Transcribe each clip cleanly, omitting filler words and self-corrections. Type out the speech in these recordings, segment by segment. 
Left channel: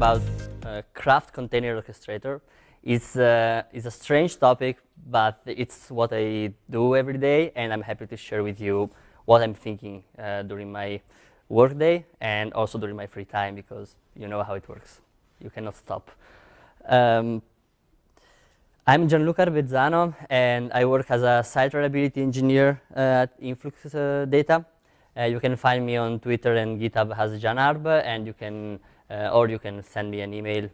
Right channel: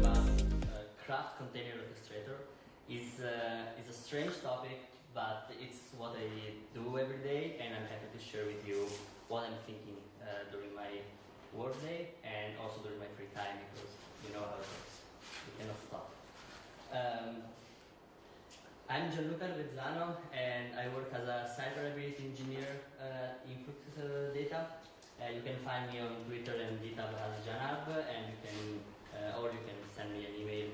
about craft container orchestrator. It's a strange topic, but it's what I do every day, and I'm happy to share with you what I'm thinking during my workday and also during my free time, because you know how it works. You cannot stop. I'm Gianluca Arbezzano, and I work as a site reliability engineer at InfluxData. You can find me on Twitter and GitHub as JanArb, and you can, or you can send me an email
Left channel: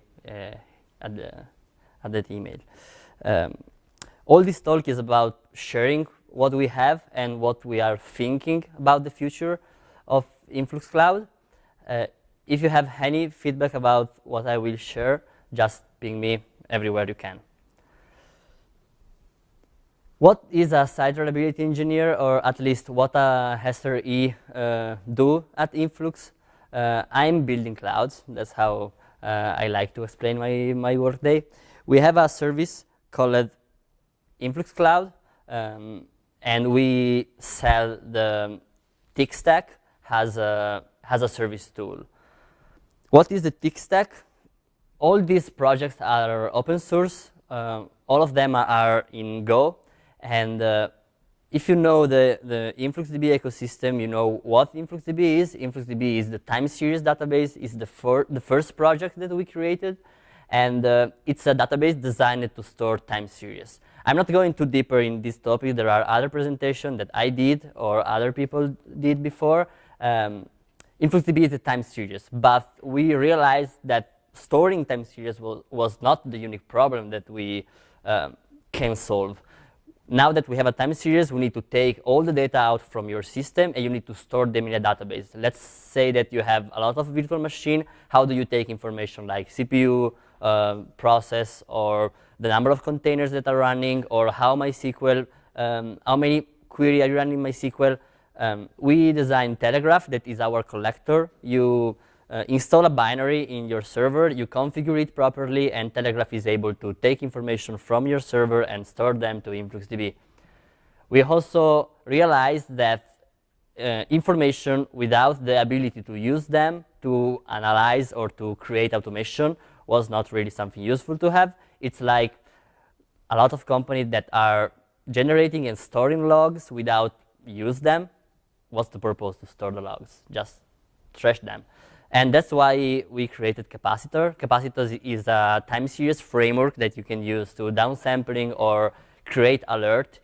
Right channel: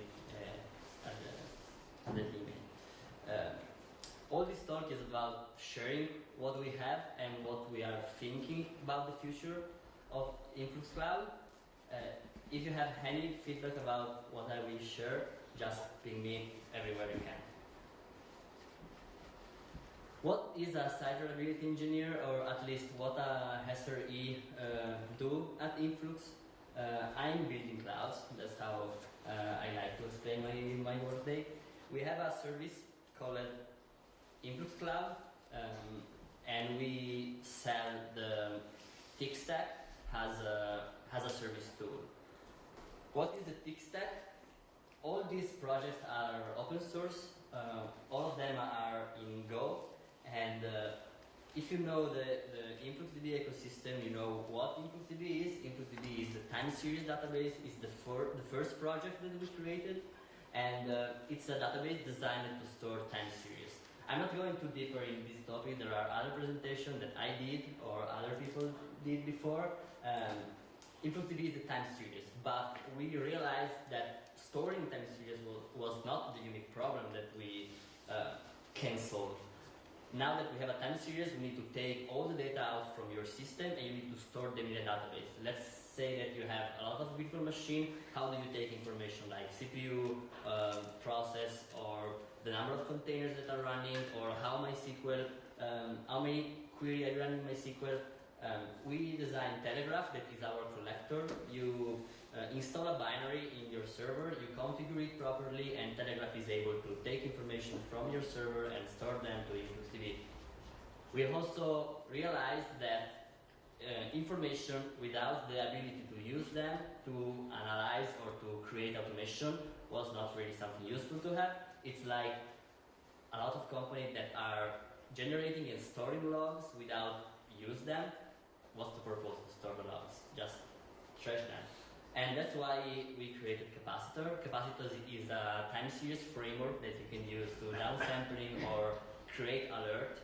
at that email. All this talk is about sharing what we have and what we are thinking about the future of Influx Cloud. If you have any feedback about what I will share, just ping me everywhere you can. What is a site reliability engineer, or at least what a SRE do at Influx? I'm building clouds. That's how I like to explain my workday. We have a service called Influx Cloud, and we sell the tech stack as a service tool. What is the tech stack? All these projects are open source. All of them are in Go. And if you know the InfluxDB ecosystem, you know what InfluxDB is. InfluxDB is the time series database. It's the first project that we created. And it's a database designed to store time series. I'm not going too deeper in this topic. There are other presentations that I did or other people did before. InfluxDB is a time series. But we realized that storing time series was not the unique problem that we can solve. Now that we have a time series, we need to take all the data out from your system and you need to store them in a database. Let's say that you have a lot of virtual machine. How do you take information like CPU, process, or the number of containers that are running, or how MySQL, how many query are you running MySQL? We designed Telegraph, that is our collector. You install a binary in your server, you configure it properly, and Telegraph is able to take information from your server and store them to InfluxDB. We also realized that information without the ability to use them to analyze or to create automation was not really something useful to have. It's like a lot of companies that are generating and storing logs without use them. What's the purpose to store the logs? Just trash them. And that's why we created Capacitor. Capacitor is a time series framework that you can use to downsampling or create alert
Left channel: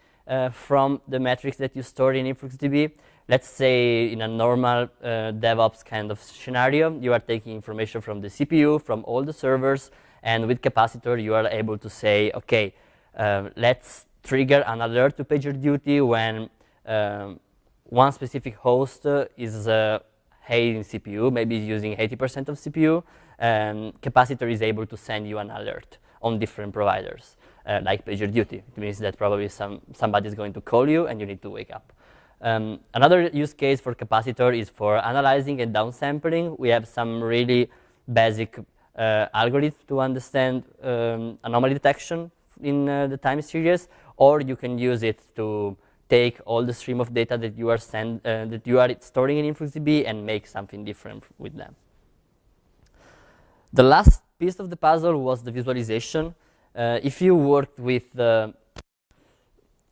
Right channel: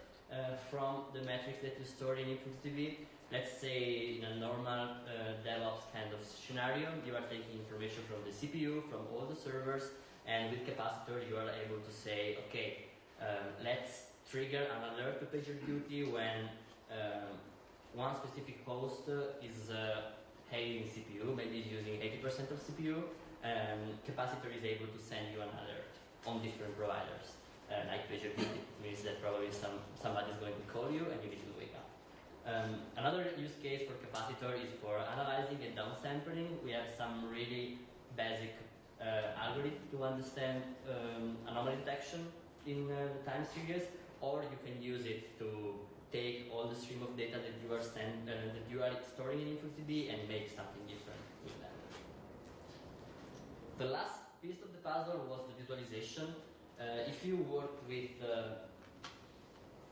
from the metrics that you store in InfluxDB. Let's say in a normal DevOps kind of scenario, you are taking information from the CPU, from all the servers, and with Capacitor you are able to say, okay, let's trigger an alert to PagerDuty when one specific host is in CPU, maybe using 80% of CPU, Capacitor is able to send you an alert on different providers, like PagerDuty. It means that probably somebody is going to call you and you need to wake up. Another use case for Capacitor is for analyzing and downsampling. We have some really basic algorithm to understand anomaly detection in the time series, or you can use it to take all the stream of data that you are storing in InfluxDB and make something different with them. The last piece of the puzzle was the visualization. If you worked with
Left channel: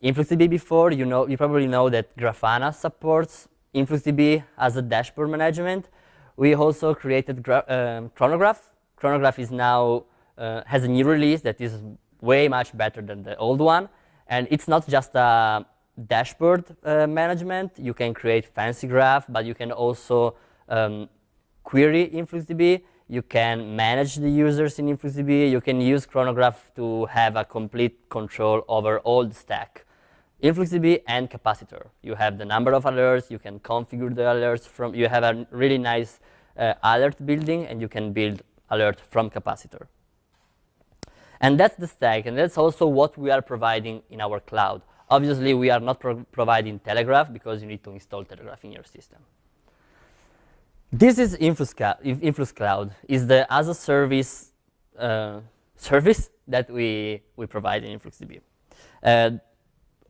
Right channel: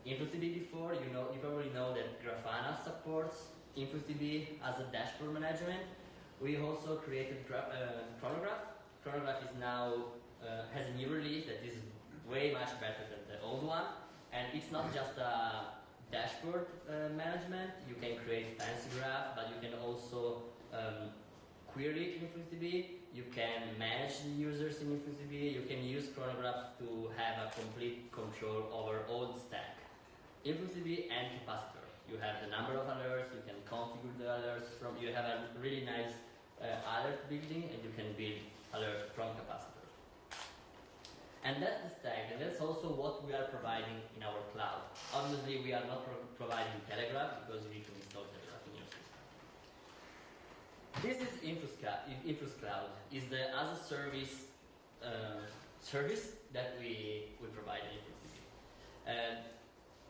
InfluxDB before, you probably know that Grafana supports InfluxDB as a dashboard management. We also created Chronograph. Chronograph is now has a new release that is way much better than the old one, and it's not just a dashboard management. You can create fancy graph, but you can also query InfluxDB. You can manage the users in InfluxDB. You can use Chronograph to have a complete control over all the stack. InfluxDB and Capacitor. You have the number of alerts. You can configure the alerts from. You have a really nice alert building, and you can build alert from Capacitor. And that's the stack, and that's also what we are providing in our cloud. Obviously, we are not providing Telegraph because you need to install Telegraph in your system. This is Influx Cloud. Is the as a service service that we provide in InfluxDB.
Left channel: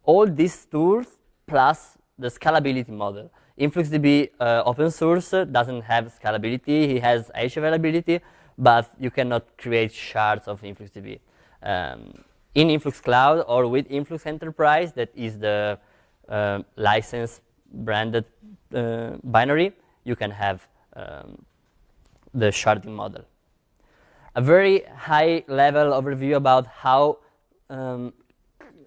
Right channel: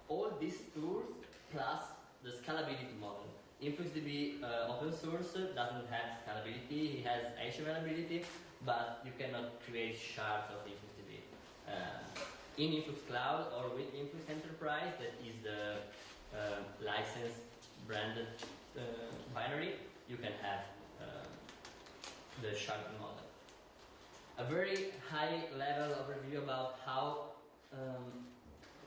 All these tools plus the scalability model. InfluxDB open source doesn't have scalability. It has H availability, but you cannot create shards of InfluxDB. In Influx Cloud or with Influx Enterprise, that is the licensed branded binary, you can have the sharding model. A very high level overview about how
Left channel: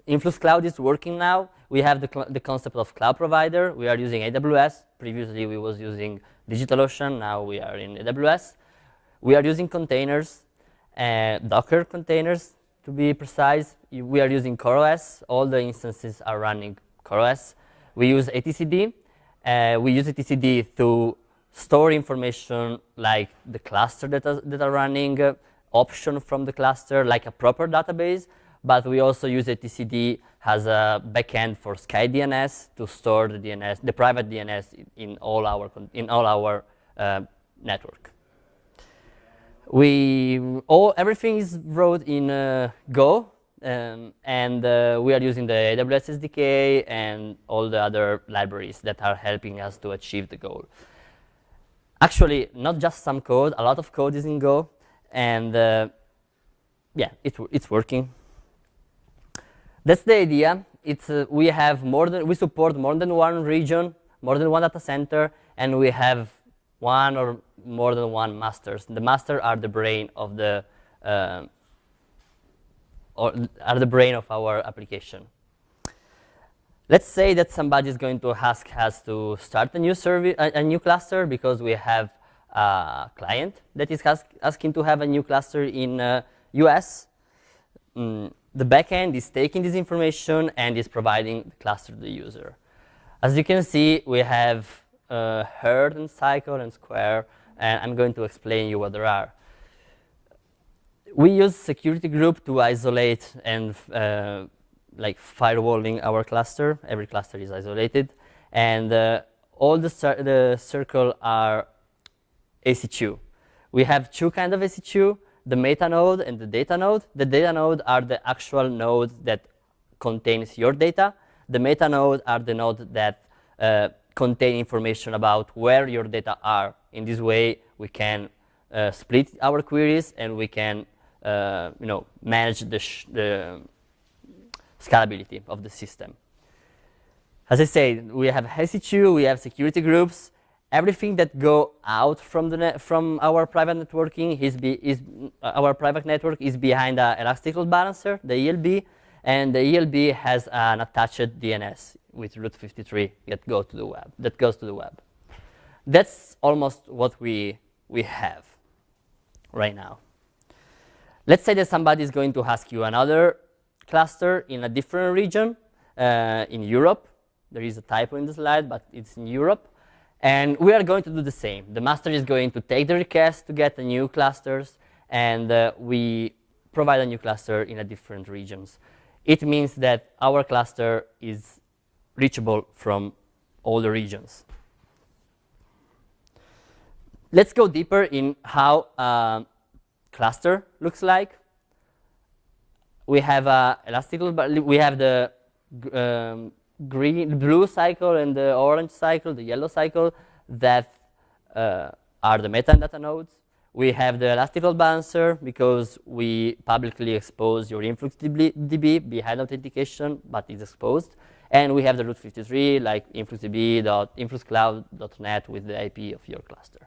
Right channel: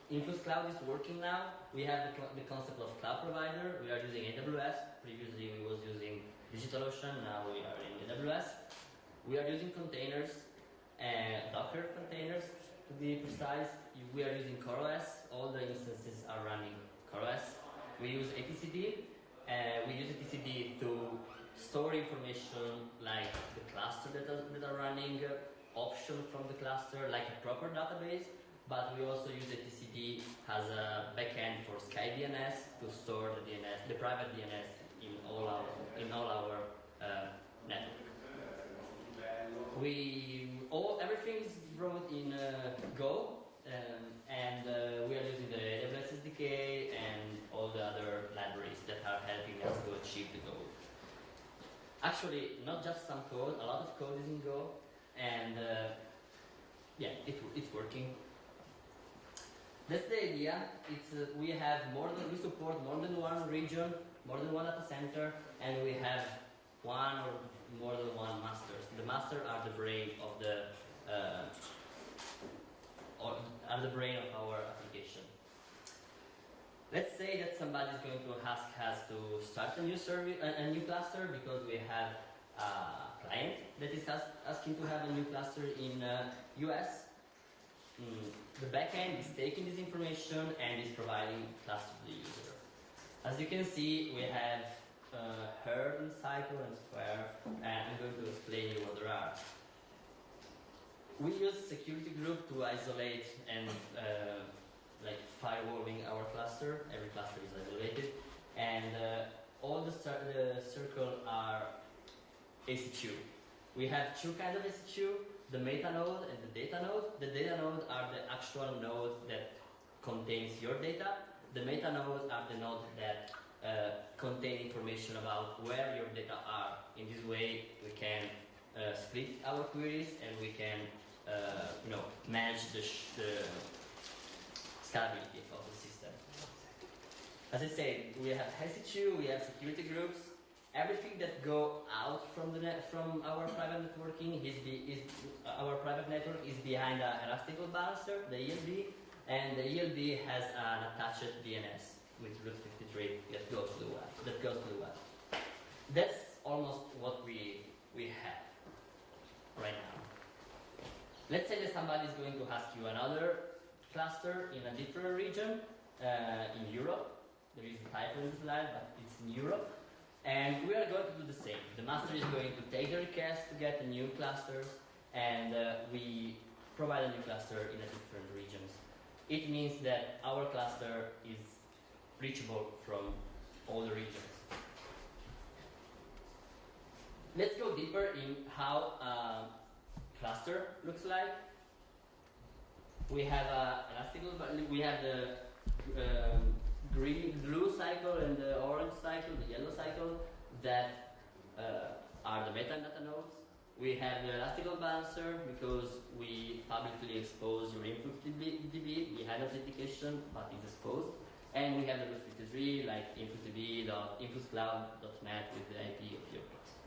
Influx Cloud is working now. We have the concept of cloud provider. We are using AWS. Previously we was using DigitalOcean. Now we are in AWS. We are using containers, Docker containers to be precise. We are using CoreOS. All the instances are running CoreOS. We use etcd. We use etcd to store information like the cluster that are running, option from the cluster, like a proper database. But we also use etcd as a backend for SkyDNS to store the DNS, the private DNS in all our network. Everything is wrote in Go, and we are using the AWS SDK and all the other libraries that are helping us to achieve the goal. Actually, not just some code, a lot of code is in Go, and yeah, it's working. That's the idea. We support more than one region, more than one data center, and we have one or more than one masters. The masters are the brain of our application. Let's say that somebody is going to ask us to start a new service, a new cluster, because we have a client that is asking to have a new cluster in US. The backend is taking this information and is providing the cluster to the user. As you can see, we have herd and cycle and square, and I'm going to explain you what there are. We use security group to isolate and like firewalling our cluster. Every cluster is isolated, and all the circle are EC2. We have two kinds of EC2, the meta node and the data node. The data node are the actual node that contains your data. The meta node are the nodes that contain information about where your data are. In this way, we can split our queries, and we can manage the scalability of the system. As I said, we have EC2, we have security groups. Everything that go out from our private networking our private network is behind an elastic load balancer, the ELB, and the ELB has an attached DNS with route 53 that goes to the web. That's almost what we have right now. Let's say that somebody is going to ask you another cluster in a different region, in Europe. There is a typo in the slide, but it's in Europe. And we are going to do the same. The master is going to take the request to get the new clusters, and we provide a new cluster in a different regions. It means that our cluster is reachable from all the regions. Let's go deeper in how a cluster looks like. We have we have the blue cycle and the orange cycle, the yellow cycle, that are the metadata nodes. We have the elastic load balancer because we publicly expose your InfluxDB behind authentication, but it's exposed. And we have the route 53, like influxdb.influxcloud.net with the IP of your cluster.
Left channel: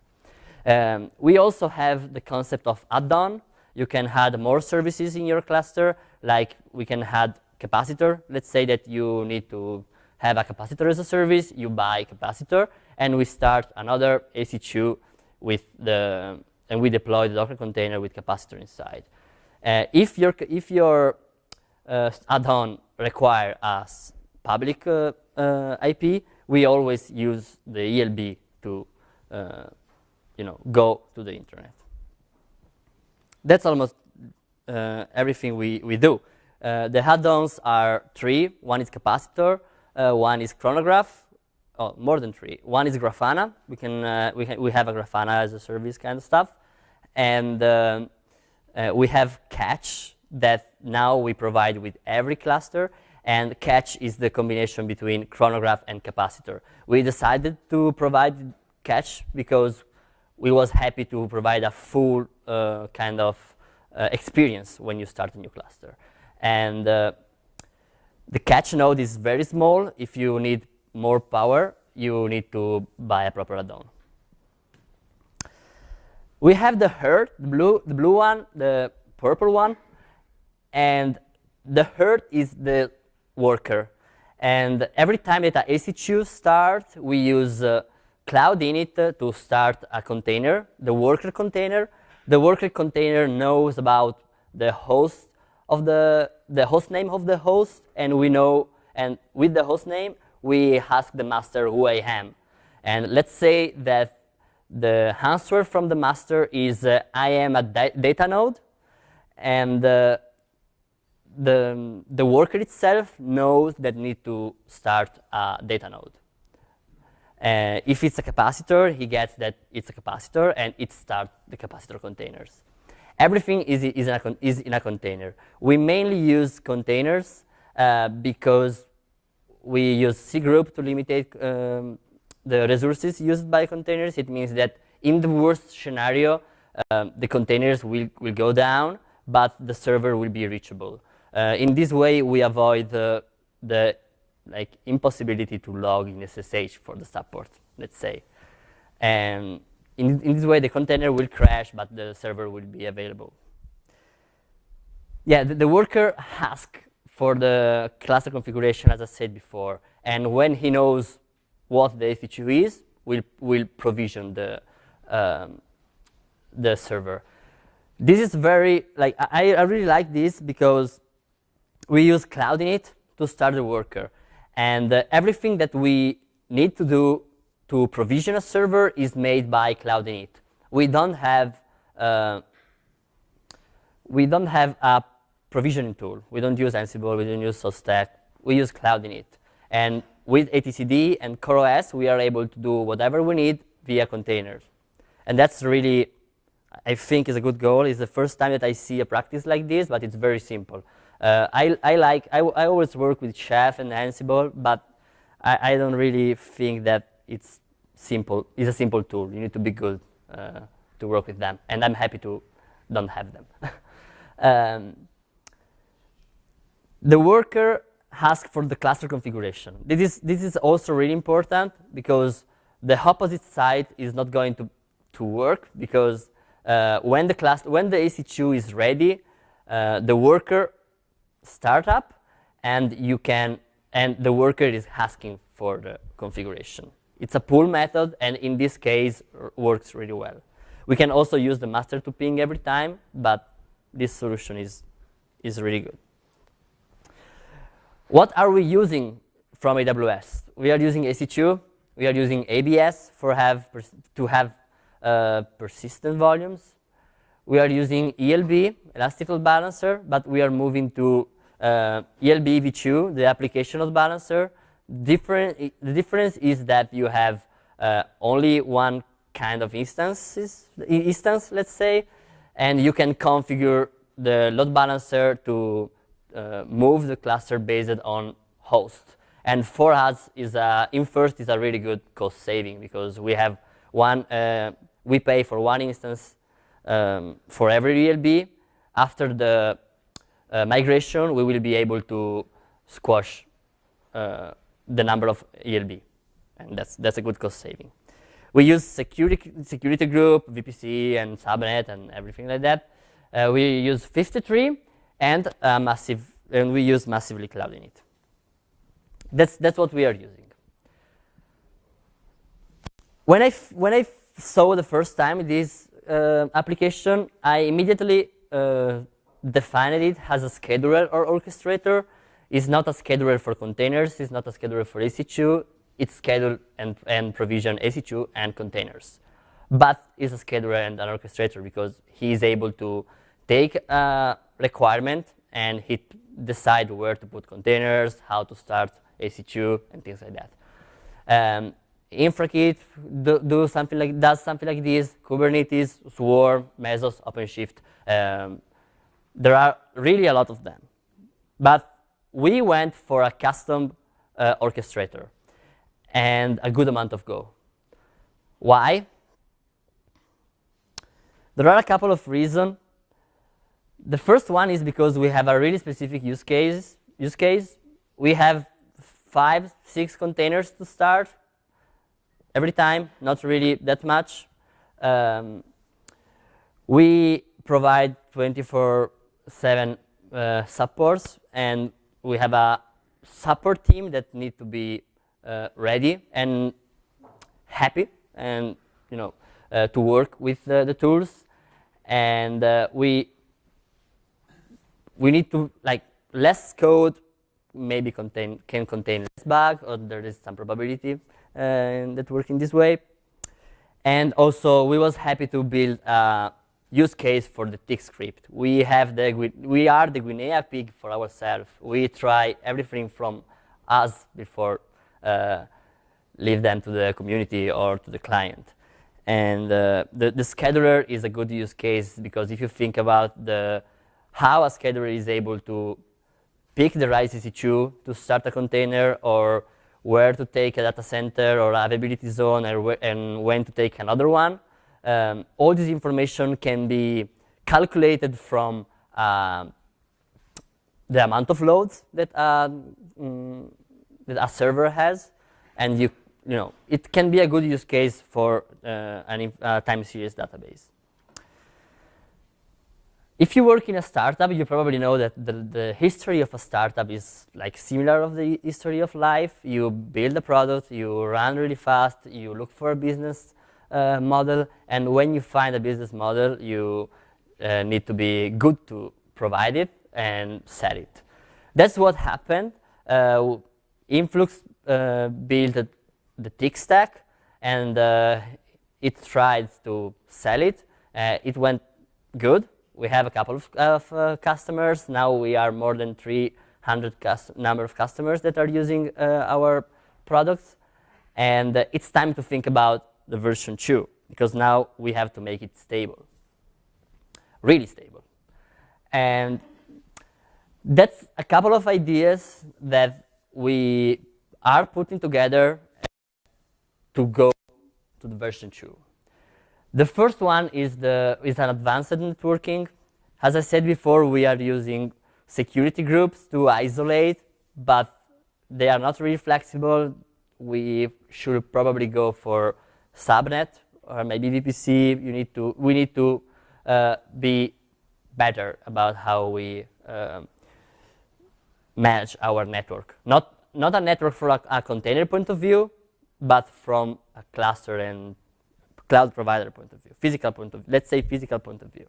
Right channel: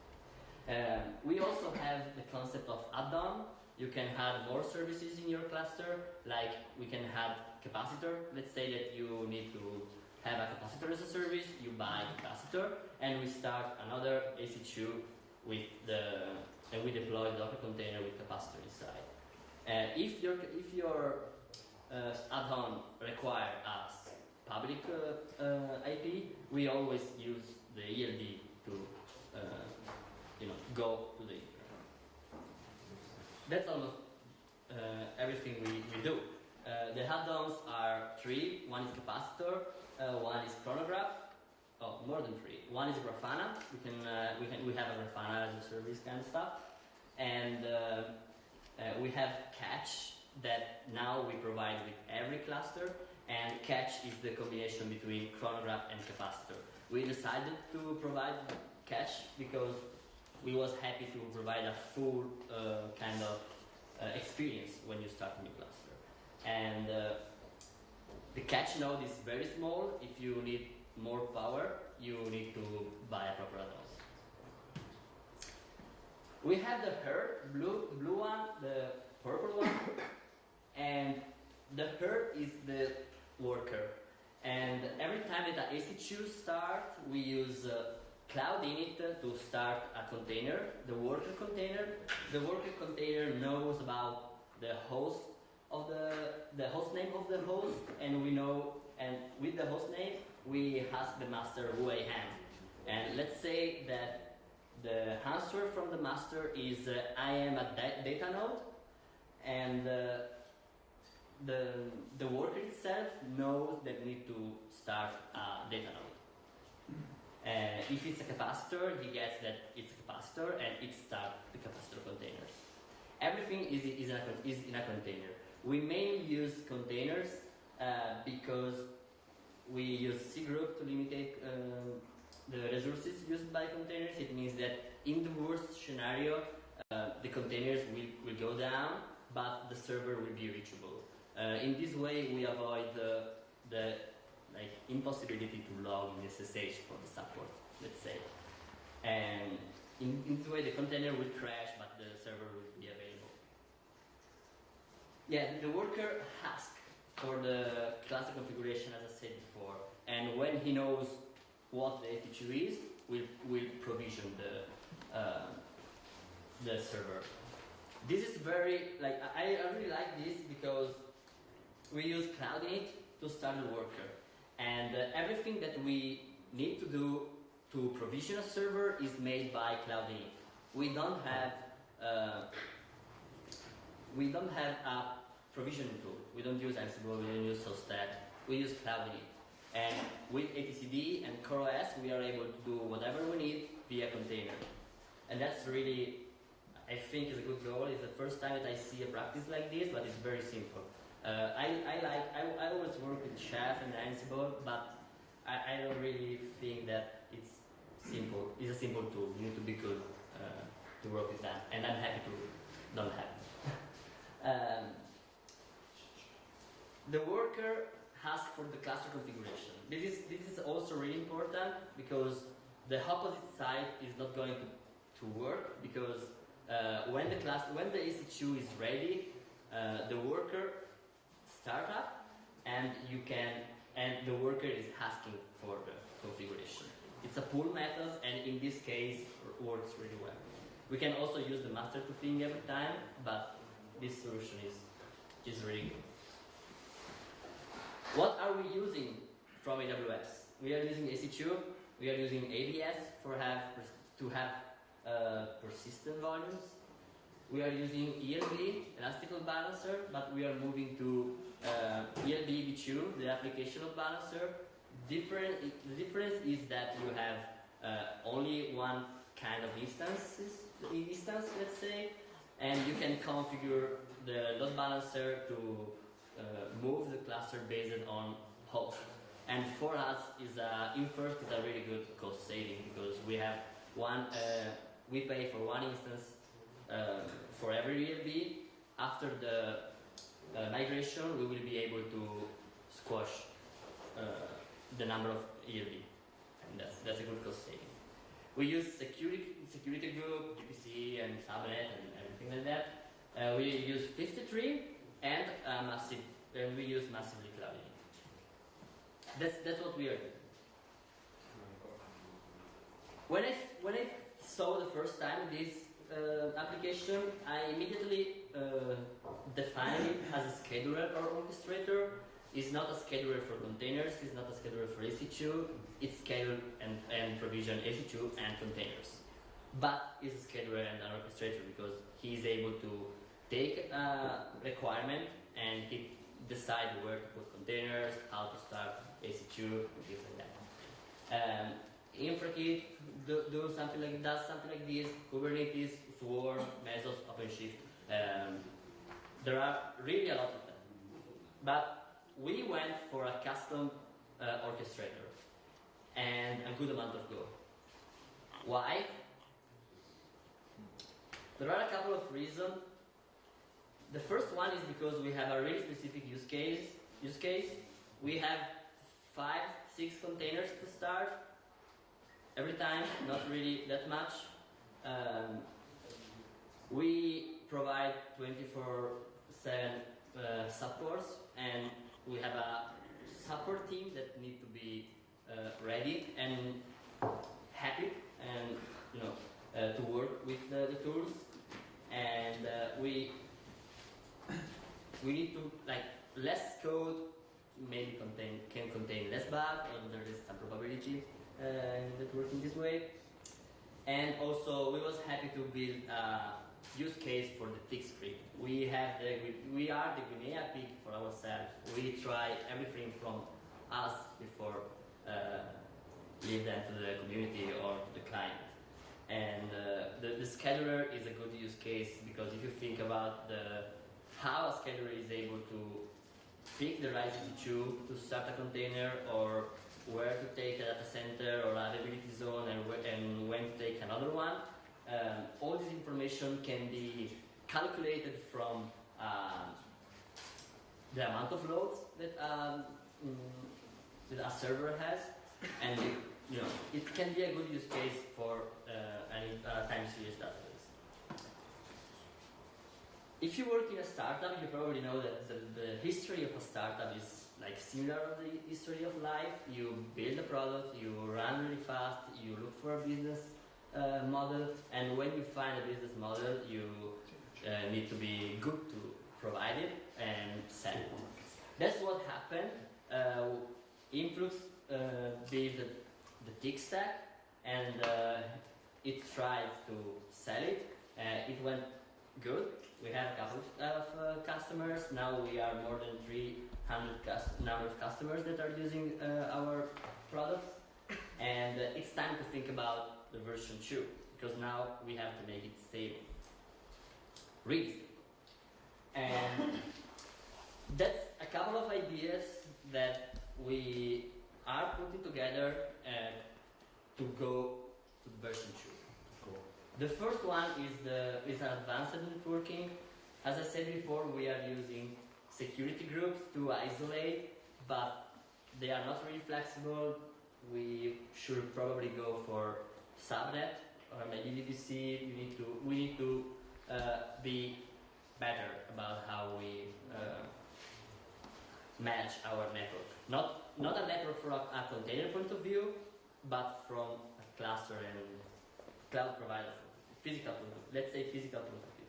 We also have the concept of add-on. You can add more services in your cluster, like we can add capacitor. Let's say that you need to have a capacitor as a service, you buy capacitor, and we start another EC2 and we deploy the Docker container with capacitor inside. If your add-on require us public IP, we always use the ELB to go to the internet. That's almost everything we do. The add-ons are three. One is capacitor, one is chronograph, more than three. One is Grafana. We have a Grafana as a service kind of stuff, and we have catch that now we provide with every cluster. And catch is the combination between chronograph and capacitor. We decided to provide catch because we was happy to provide a full kind of experience when you start a new cluster. And the catch node is very small. If you need more power, you need to buy a proper add-on. We have the herd, the blue one, the purple one, and the herd is the worker. And every time that a EC2 starts, we use cloud init to start a container, the worker container. The worker container knows about the host of the host name of the host, and we know, and with the host name, we ask the master who I am. And let's say that the answer from the master is I am a data node, and the worker itself knows that need to start a data node. If it's a capacitor, he gets that it's a capacitor, and it starts the capacitor containers. Everything is in a container. We mainly use containers because we use cgroup to limitate the resources used by containers. It means that in the worst scenario, the containers will go down, but the server will be reachable. In this way, we avoid the impossibility to log in SSH for the support, let's say. And in this way, the container will crash, but the server will be available. Yeah, the worker asks for the cluster configuration, as I said before. And when he knows what the EC2 is, we'll provision the server. This is very, I really like this because we use cloud init to start the worker. And everything that we need to do to provision a server is made by cloud init. We don't have a provisioning tool. We don't use Ansible, we don't use SourceStack. We use cloud init. And with etcd and CoreOS, we are able to do whatever we need via containers. And that's really, I think, is a good goal. It's the first time that I see a practice like this, but it's very simple. I always work with Chef and Ansible, but I don't really think that it's simple. It's a simple tool. You need to be good to work with them, and I'm happy to don't have them. The worker asks for the cluster configuration. This is also really important because the opposite side is not going to work because when the EC2 is ready, the worker start up, and the worker is asking for the configuration. It's a pull method, and in this case, works really well. We can also use the master to ping every time, but this solution is really good. What are we using from AWS? We are using EC2. We are using ABS to have persistent volumes. We are using ELB, Elastic Load Balancer, but we are moving to ELB v2, the application load balancer. The difference is that you have only one kind of instance, let's say, and you can configure the load balancer to move the cluster based on host. And for us, Infirst is a really good cost saving because we have we pay for one instance for every ELB. After the migration, we will be able to squash the number of ELB, and that's a good cost saving. We use security group, VPC, and subnet, and everything like that. We use 53 and we use massively cloud init. That's what we are using. When I saw the first time this application, I immediately defined it as a scheduler or orchestrator. It's not a scheduler for containers. It's not a scheduler for EC2. It's schedule and provision EC2 and containers. But it's a scheduler and an orchestrator because he is able to take a requirement and he decide where to put containers, how to start EC2, and things like that. InfraKit does something like this. Kubernetes, Swarm, Mesos, OpenShift. There are really a lot of them. But we went for a custom orchestrator and a good amount of Go. Why? There are a couple of reasons. The first one is because we have a really specific use case. We have 5, 6 containers to start every time, not really that much. We provide 24/7 supports, and we have a support team that need to be ready and happy, and to work with the tools. And we need to, like, less code maybe can contain less bug, or there is some probability that work in this way. And also, we was happy to build a use case for the tick script. We are the Guinea pig for ourselves. We try everything from us before leave them to the community or to the client. And the scheduler is a good use case, because if you think about how a scheduler is able to pick the right EC2 to start a container, or where to take a data center or availability zone, and when to take another one, all this information can be calculated from the amount of loads that a server has, and it can be a good use case for a time series database. If you work in a startup, you probably know that the history of a startup is like similar of the history of life. You build a product, you run really fast, you look for a business model, and when you find a business model, you need to be good to provide it and sell it. That's what happened. Influx built the tick stack, and it tried to sell it. It went good. We have a couple of customers. Now we are more than 300 number of customers that are using our products. And it's time to think about the version 2, because now we have to make it stable, really stable. And that's a couple of ideas that we are putting together to go to the version 2. The first one is an advanced networking. As I said before, we are using security groups to isolate, but they are not really flexible. We should probably go for subnet or maybe VPC. We need to be better about how we manage our network. Not a network from a container point of view, but from a cluster and cloud provider point of view, physical point of view, let's say physical point of view.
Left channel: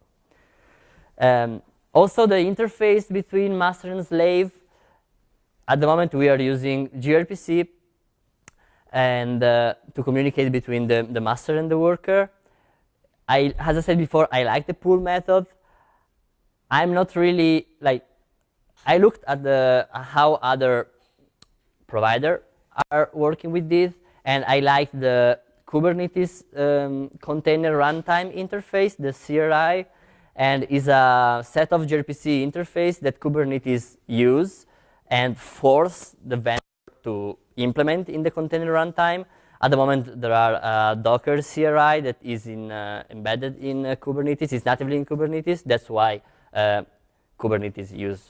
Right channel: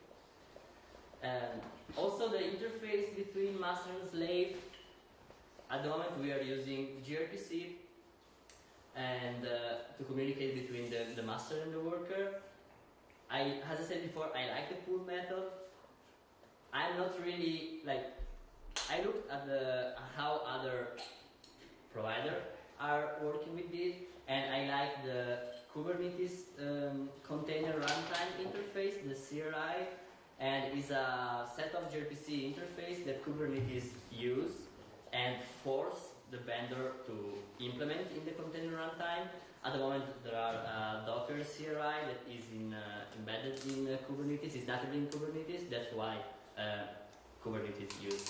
Also, the interface between master and slave. At the moment, we are using gRPC and to communicate between the master and the worker. As I said before, I like the pull method. I'm not really like. I looked at how other providers are working with this, and I like the Kubernetes container runtime interface, the CRI, and is a set of gRPC interface that Kubernetes use and force the vendor to implement in the container runtime. At the moment, there are Docker CRI that is embedded in Kubernetes. It's natively in Kubernetes. That's why Kubernetes use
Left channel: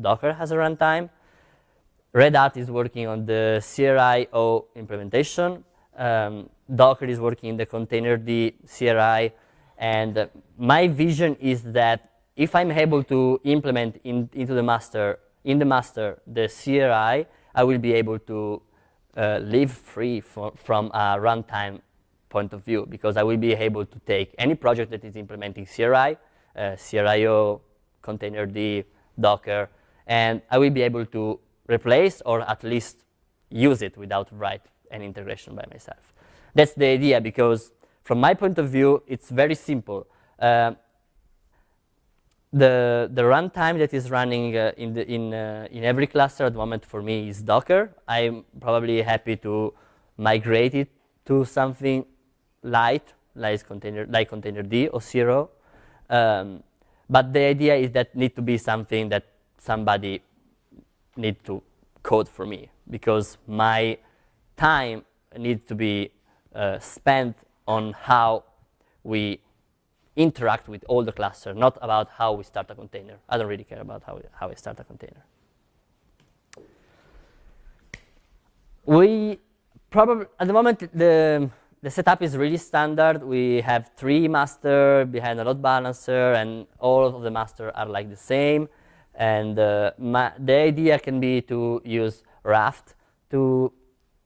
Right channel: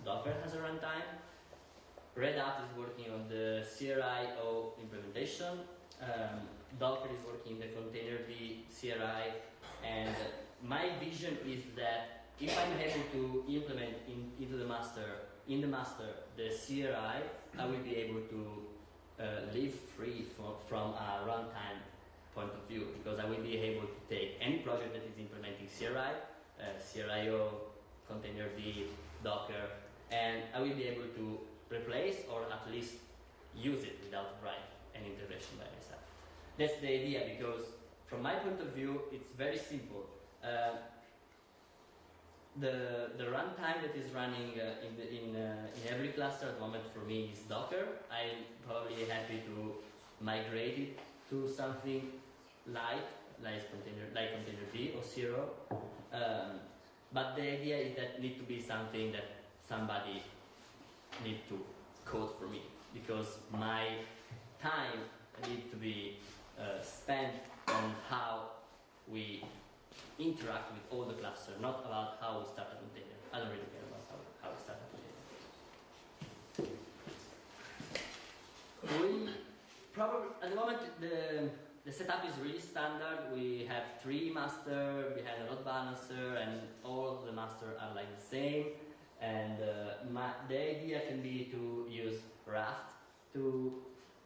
Docker as a runtime. Red Hat is working on the CRI-O implementation. Docker is working in the containerd CRI, and my vision is that if I'm able to implement in the master the CRI, I will be able to live free from a runtime point of view, because I will be able to take any project that is implementing CRI, CRI-O, containerd, Docker, and I will be able to replace or at least use it without write an integration by myself. That's the idea, because from my point of view, it's very simple. The runtime that is running in every cluster at the moment for me is Docker. I'm probably happy to migrate it to something light, like containerd or Zero. But the idea is that need to be something that somebody need to code for me, because my time needs to be spent on how we interact with all the cluster, not about how we start a container. I don't really care about how we start a container. We probably, at the moment, the setup is really standard. We have 3 master behind a load balancer, and all of the master are like the same. And the idea can be to use Raft to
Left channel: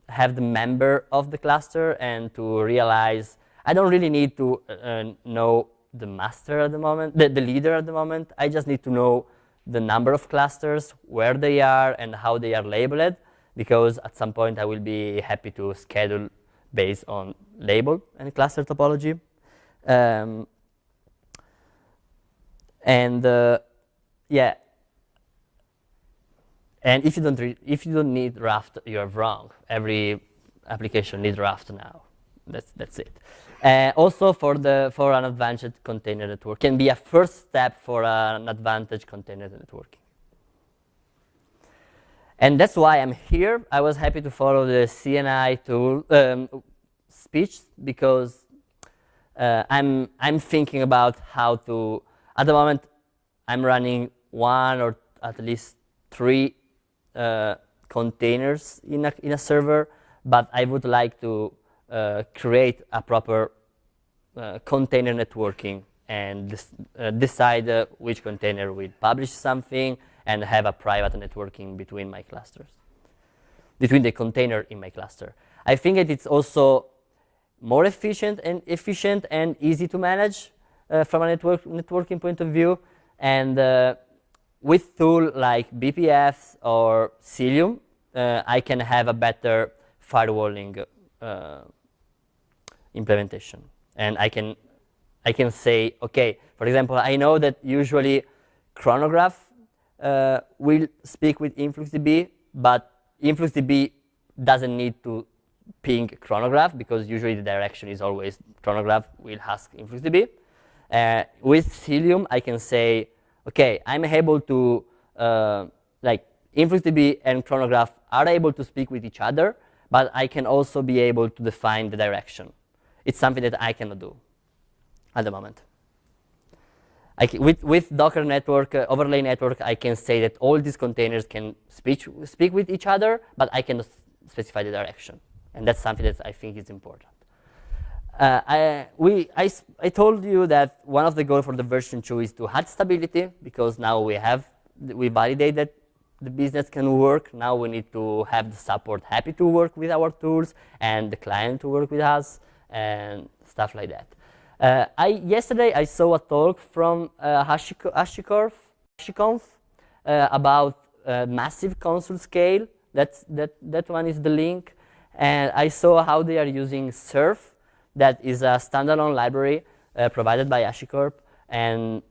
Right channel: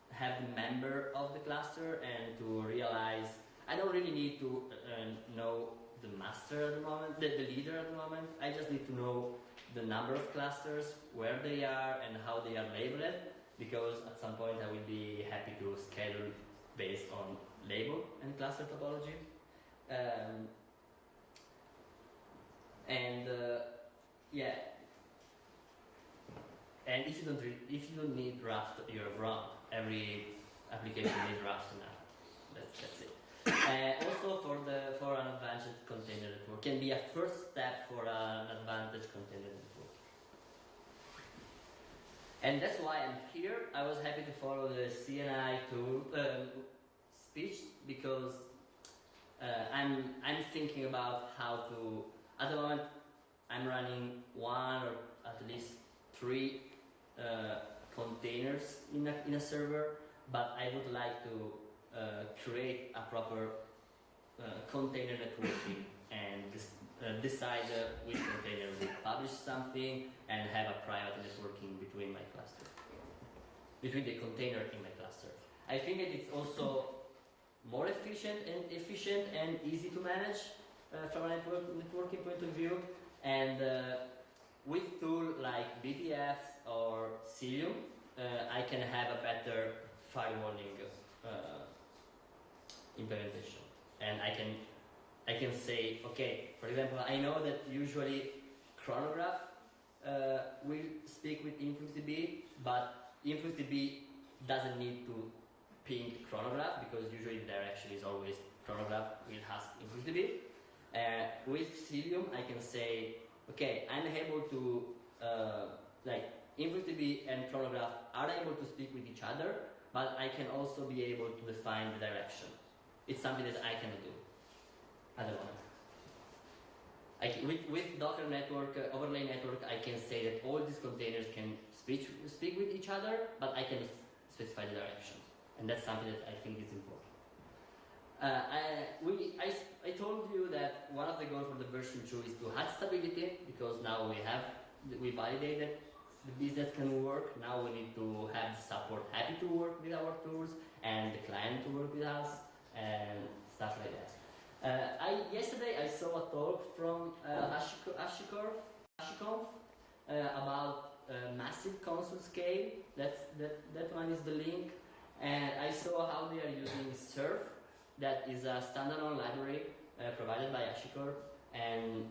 have the member of the cluster and to realize I don't really need to know the master at the moment, the leader at the moment. I just need to know the number of clusters, where they are, and how they are labeled, because at some point I will be happy to schedule based on label and cluster topology. Yeah. And if you don't need Raft, you're wrong. Every application needs Raft now. That's it. Also for an advanced container network, can be a first step for an advanced container network. And that's why I'm here. I was happy to follow the CNI tool speech, because I'm thinking about how to. At the moment, I'm running 1 or at least 3 containers in a server, but I would like to create a proper container networking and decide which container will publish something and have a private networking between my clusters, between the container in my cluster. I think that it's also more efficient and easy to manage from a networking point of view, and with tools like BPF or Cilium, I can have a better firewalling implementation. And I can say, okay, for example, I know that usually Chronograph will speak with InfluxDB, but InfluxDB doesn't need to ping Chronograph, because usually the direction is always Chronograph will ask InfluxDB. With Cilium, I can say, okay, I'm able to, like, InfluxDB and Chronograph are able to speak with each other, but I can also be able to define the direction. It's something that I cannot do at the moment. With Docker network, overlay network, I can say that all these containers can speak with each other, but I cannot specify the direction. And that's something that I think is important. I told you that one of the goals for the version 2 is to add stability, because now we validate that the business can work. Now we need to have the support happy to work with our tools and the client to work with us and stuff like that. Yesterday I saw a talk from HashiConf about massive console scale. That one is the link. And I saw how they are using Surf. That is a standalone library provided by HashiCorp, and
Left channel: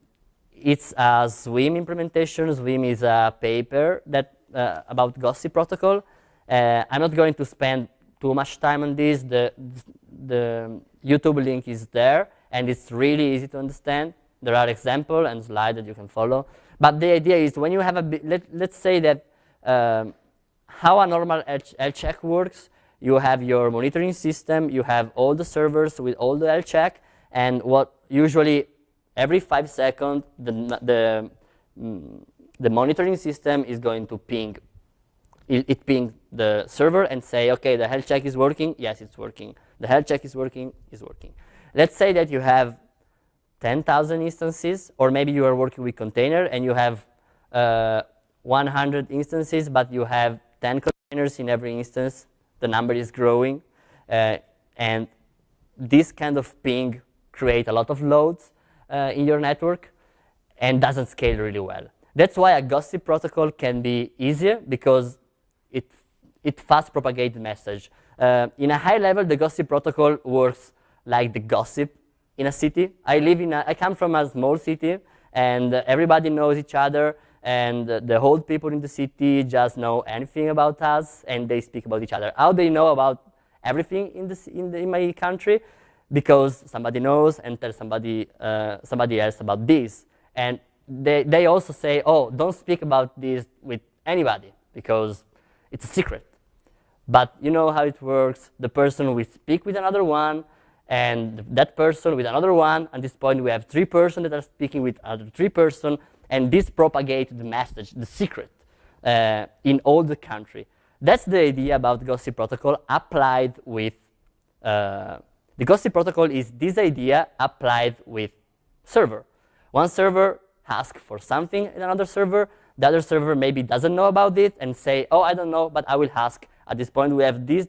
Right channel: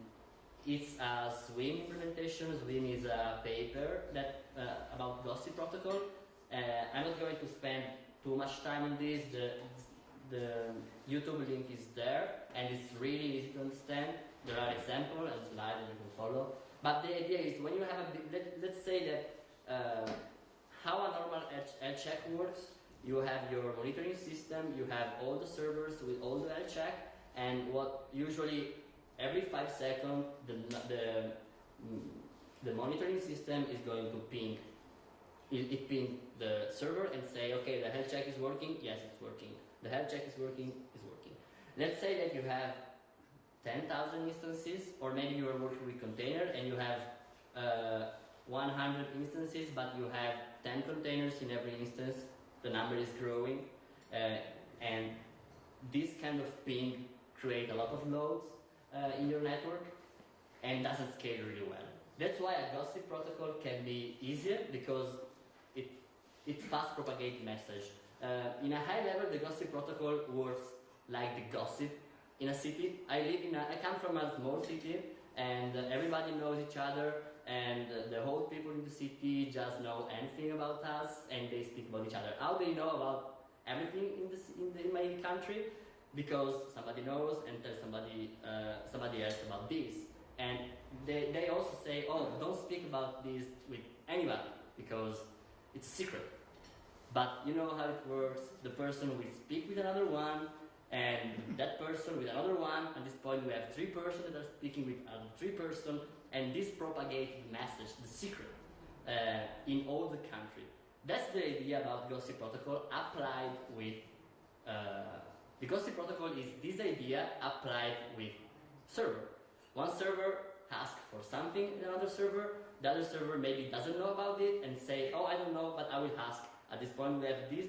it's a Swim implementation. Swim is a paper that about Gossip protocol. I'm not going to spend too much time on this. The YouTube link is there, and it's really easy to understand. There are examples and slides that you can follow. But the idea is, when you have let's say that how a normal health check works. You have your monitoring system, you have all the servers with all the health check, and what usually every 5 seconds the monitoring system is going to ping. It ping the server and say, okay, the health check is working, yes, it's working. The health check is working, it's working. Let's say that you have 10,000 instances, or maybe you are working with container and you have 100 instances, but you have 10 containers in every instance. The number is growing, and this kind of ping create a lot of loads in your network and doesn't scale really well. That's why a Gossip protocol can be easier, because it fast propagates the message. In a high level, the Gossip protocol works like the gossip in a city. I come from a small city, and everybody knows each other. And the whole people in the city just know anything about us, and they speak about each other. How they know about everything in my country? Because somebody knows and tells somebody else about this. And they also say, oh, don't speak about this with anybody, because it's a secret. But you know how it works. The person will speak with another one, and that person with another one. At this point, we have 3 persons that are speaking with other 3 persons, and this propagates the message, the secret, in all the country. That's the idea about Gossip Protocol applied with, the Gossip Protocol is this idea applied with server. One server asks for something in another server, the other server maybe doesn't know about it and say, oh, I don't know, but I will ask. At this point, we have these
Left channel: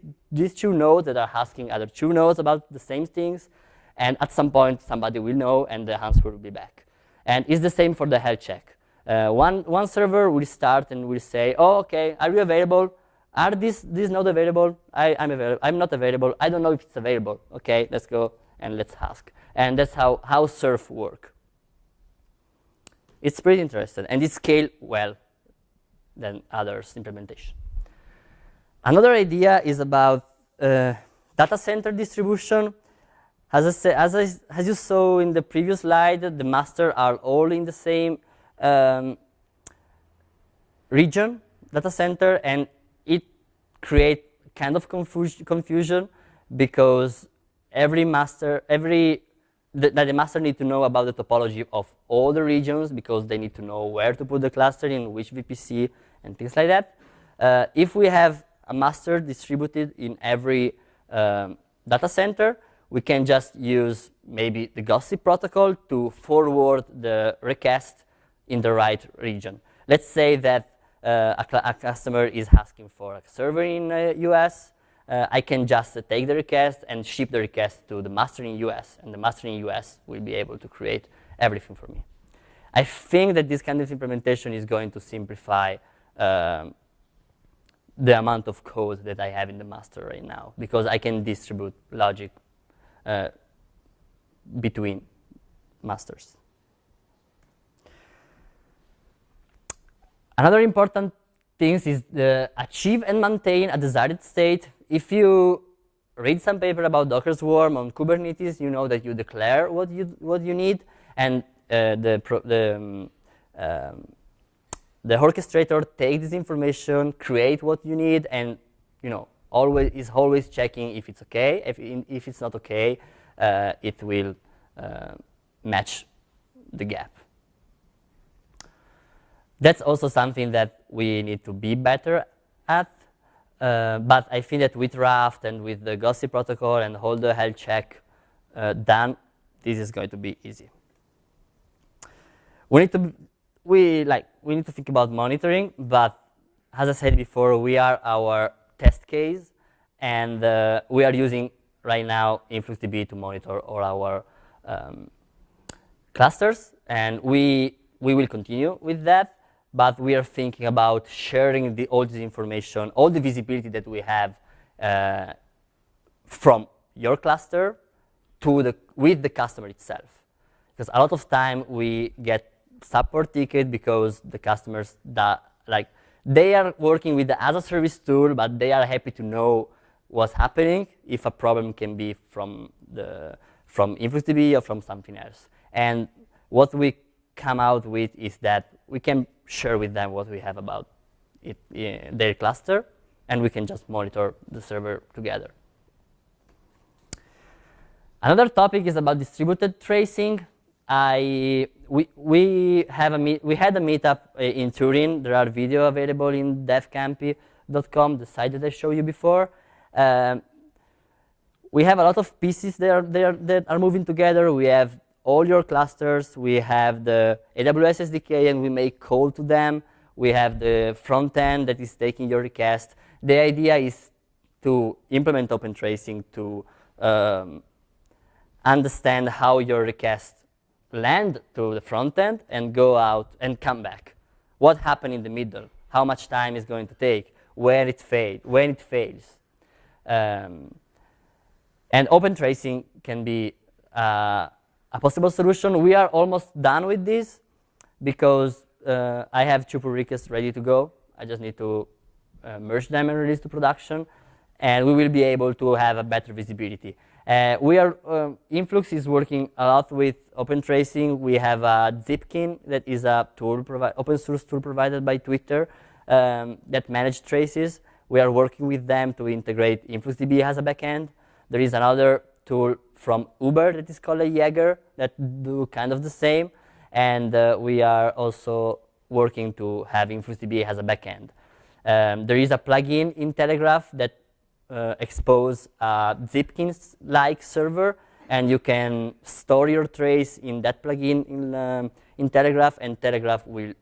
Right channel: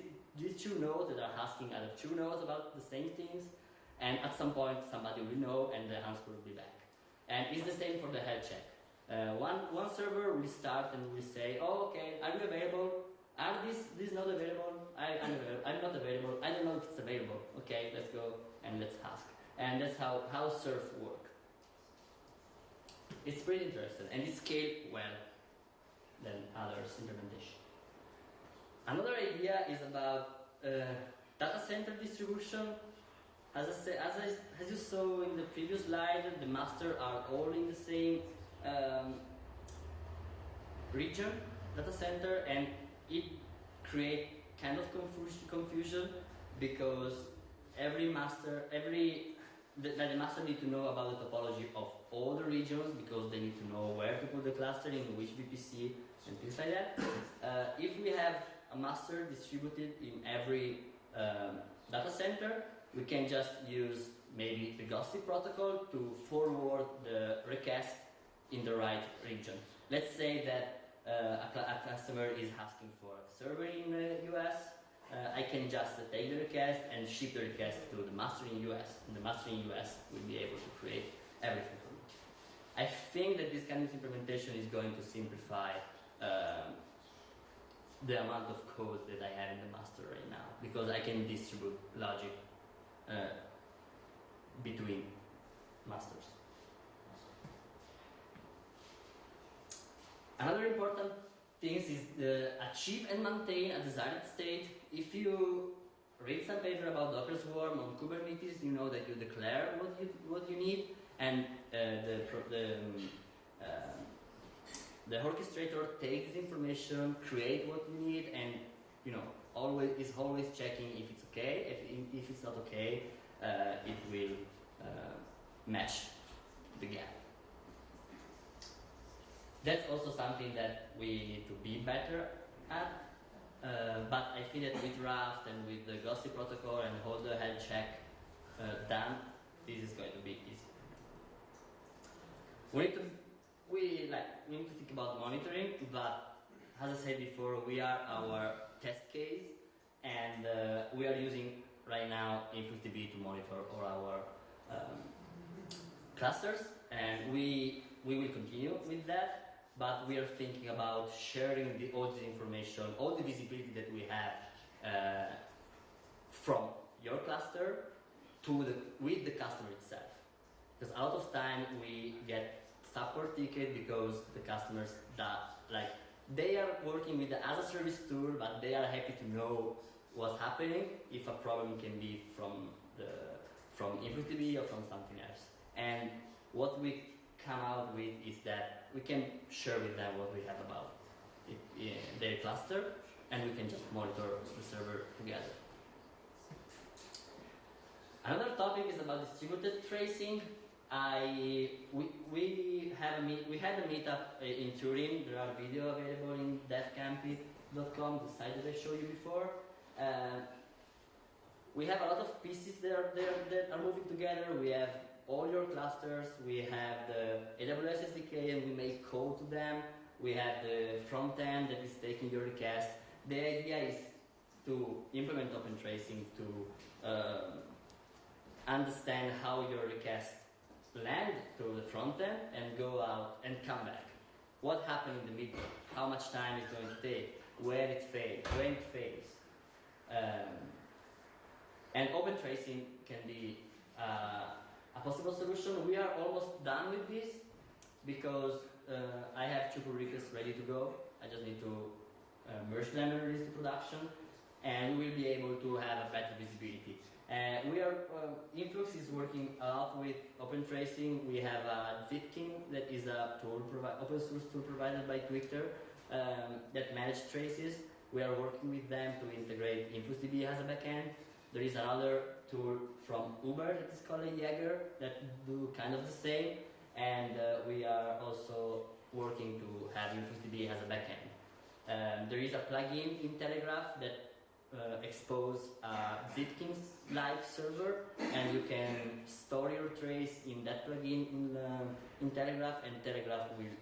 2 nodes that are asking other 2 nodes about the same things, and at some point, somebody will know, and the answer will be back. And it's the same for the health check. One server will start and will say, oh, okay, are you available? Are these nodes available? I'm not available. I don't know if it's available. Okay, let's go and let's ask. And that's how surf work. It's pretty interesting, and it scales well than others' implementation. Another idea is about data center distribution. As you saw in the previous slide, the masters are all in the same region, data center, and it creates kind of confusion because the master need to know about the topology of all the regions because they need to know where to put the cluster in which VPC and things like that. If we have a master distributed in every data center, we can just use maybe the Gossip protocol to forward the request in the right region. Let's say that a customer is asking for a server in US. I can just take the request and ship the request to the master in US, and the master in US will be able to create everything for me. I think that this kind of implementation is going to simplify the amount of code that I have in the master right now, because I can distribute logic between masters. Another important thing is the achieve and maintain a desired state. If you read some paper about Docker Swarm on Kubernetes, you know that you declare what you need, and the orchestrator takes this information, create what you need, and is always checking if it's okay. If it's not okay, it will match the gap. That's also something that we need to be better at. But I think that with Raft and with the Gossip protocol and all the health check done, this is going to be easy. We need to think about monitoring, but as I said before, we are our test case, and we are using right now InfluxDB to monitor all our clusters, and we will continue with that. But we are thinking about sharing all this information, all the visibility that we have from your cluster with the customer itself. Because a lot of time we get support ticket because the customers they are working with the as a service tool, but they are happy to know what's happening if a problem can be from InfluxDB or from something else. And what we come out with is that we can share with them what we have about their cluster, and we can just monitor the server together. Another topic is about distributed tracing. We had a meetup in Turin. There are videos available in devcampi.com, the site that I showed you before. We have a lot of pieces that are moving together. We have all your clusters. We have the AWS SDK, and we make call to them. We have the front end that is taking your request. The idea is to implement open tracing to understand how your requests land to the front end and go out and come back. What happened in the middle? How much time is going to take? When it fails? And open tracing can be a possible solution. We are almost done with this because I have 2 pull requests ready to go. I just need to merge them and release to production, and we will be able to have a better visibility. Influx is working a lot with open tracing. We have a Zipkin that is a tool open source tool provided by Twitter that manages traces. We are working with them to integrate InfluxDB as a backend. There is another tool from Uber that is called a Jaeger that do kind of the same. And we are also working to have InfluxDB as a backend. There is a plugin in Telegraph that expose a Zipkins-like server, and you can store your trace in that plugin in Telegraph, and Telegraph will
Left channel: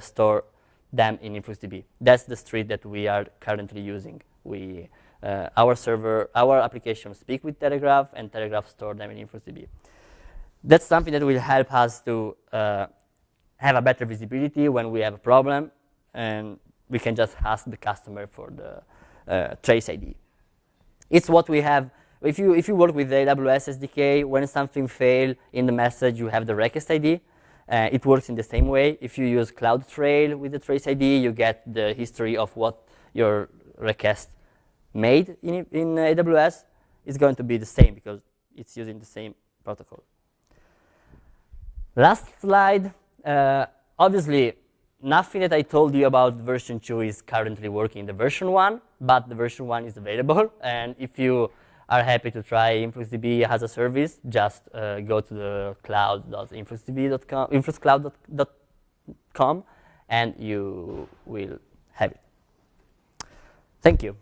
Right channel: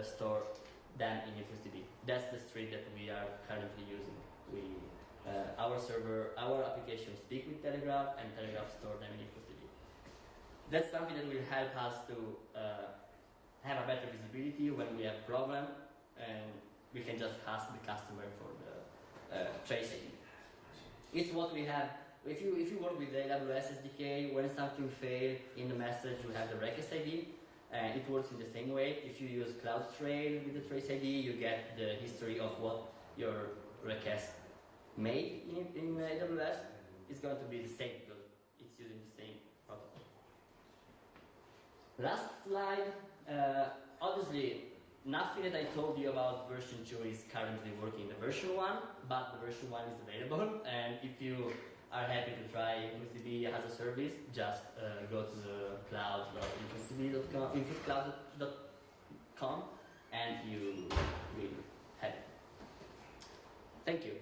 store them in InfluxDB. That's the street that we are currently using. Our applications speak with Telegraph, and Telegraph store them in InfluxDB. That's something that will help us to have a better visibility when we have a problem, and we can just ask the customer for the trace ID. It's what we have. If you work with the AWS SDK, when something fails in the message, you have the request ID. It works in the same way. If you use CloudTrail with the trace ID, you get the history of what your request made in AWS. It's going to be the same because it's using the same protocol. Last slide. Obviously, nothing that I told you about version 2 is currently working in the version 1, but the version 1 is available. And if you are happy to try InfluxDB as a service, just go to the cloud.influxdb.com, influxcloud.com, and you will have it. Thank you.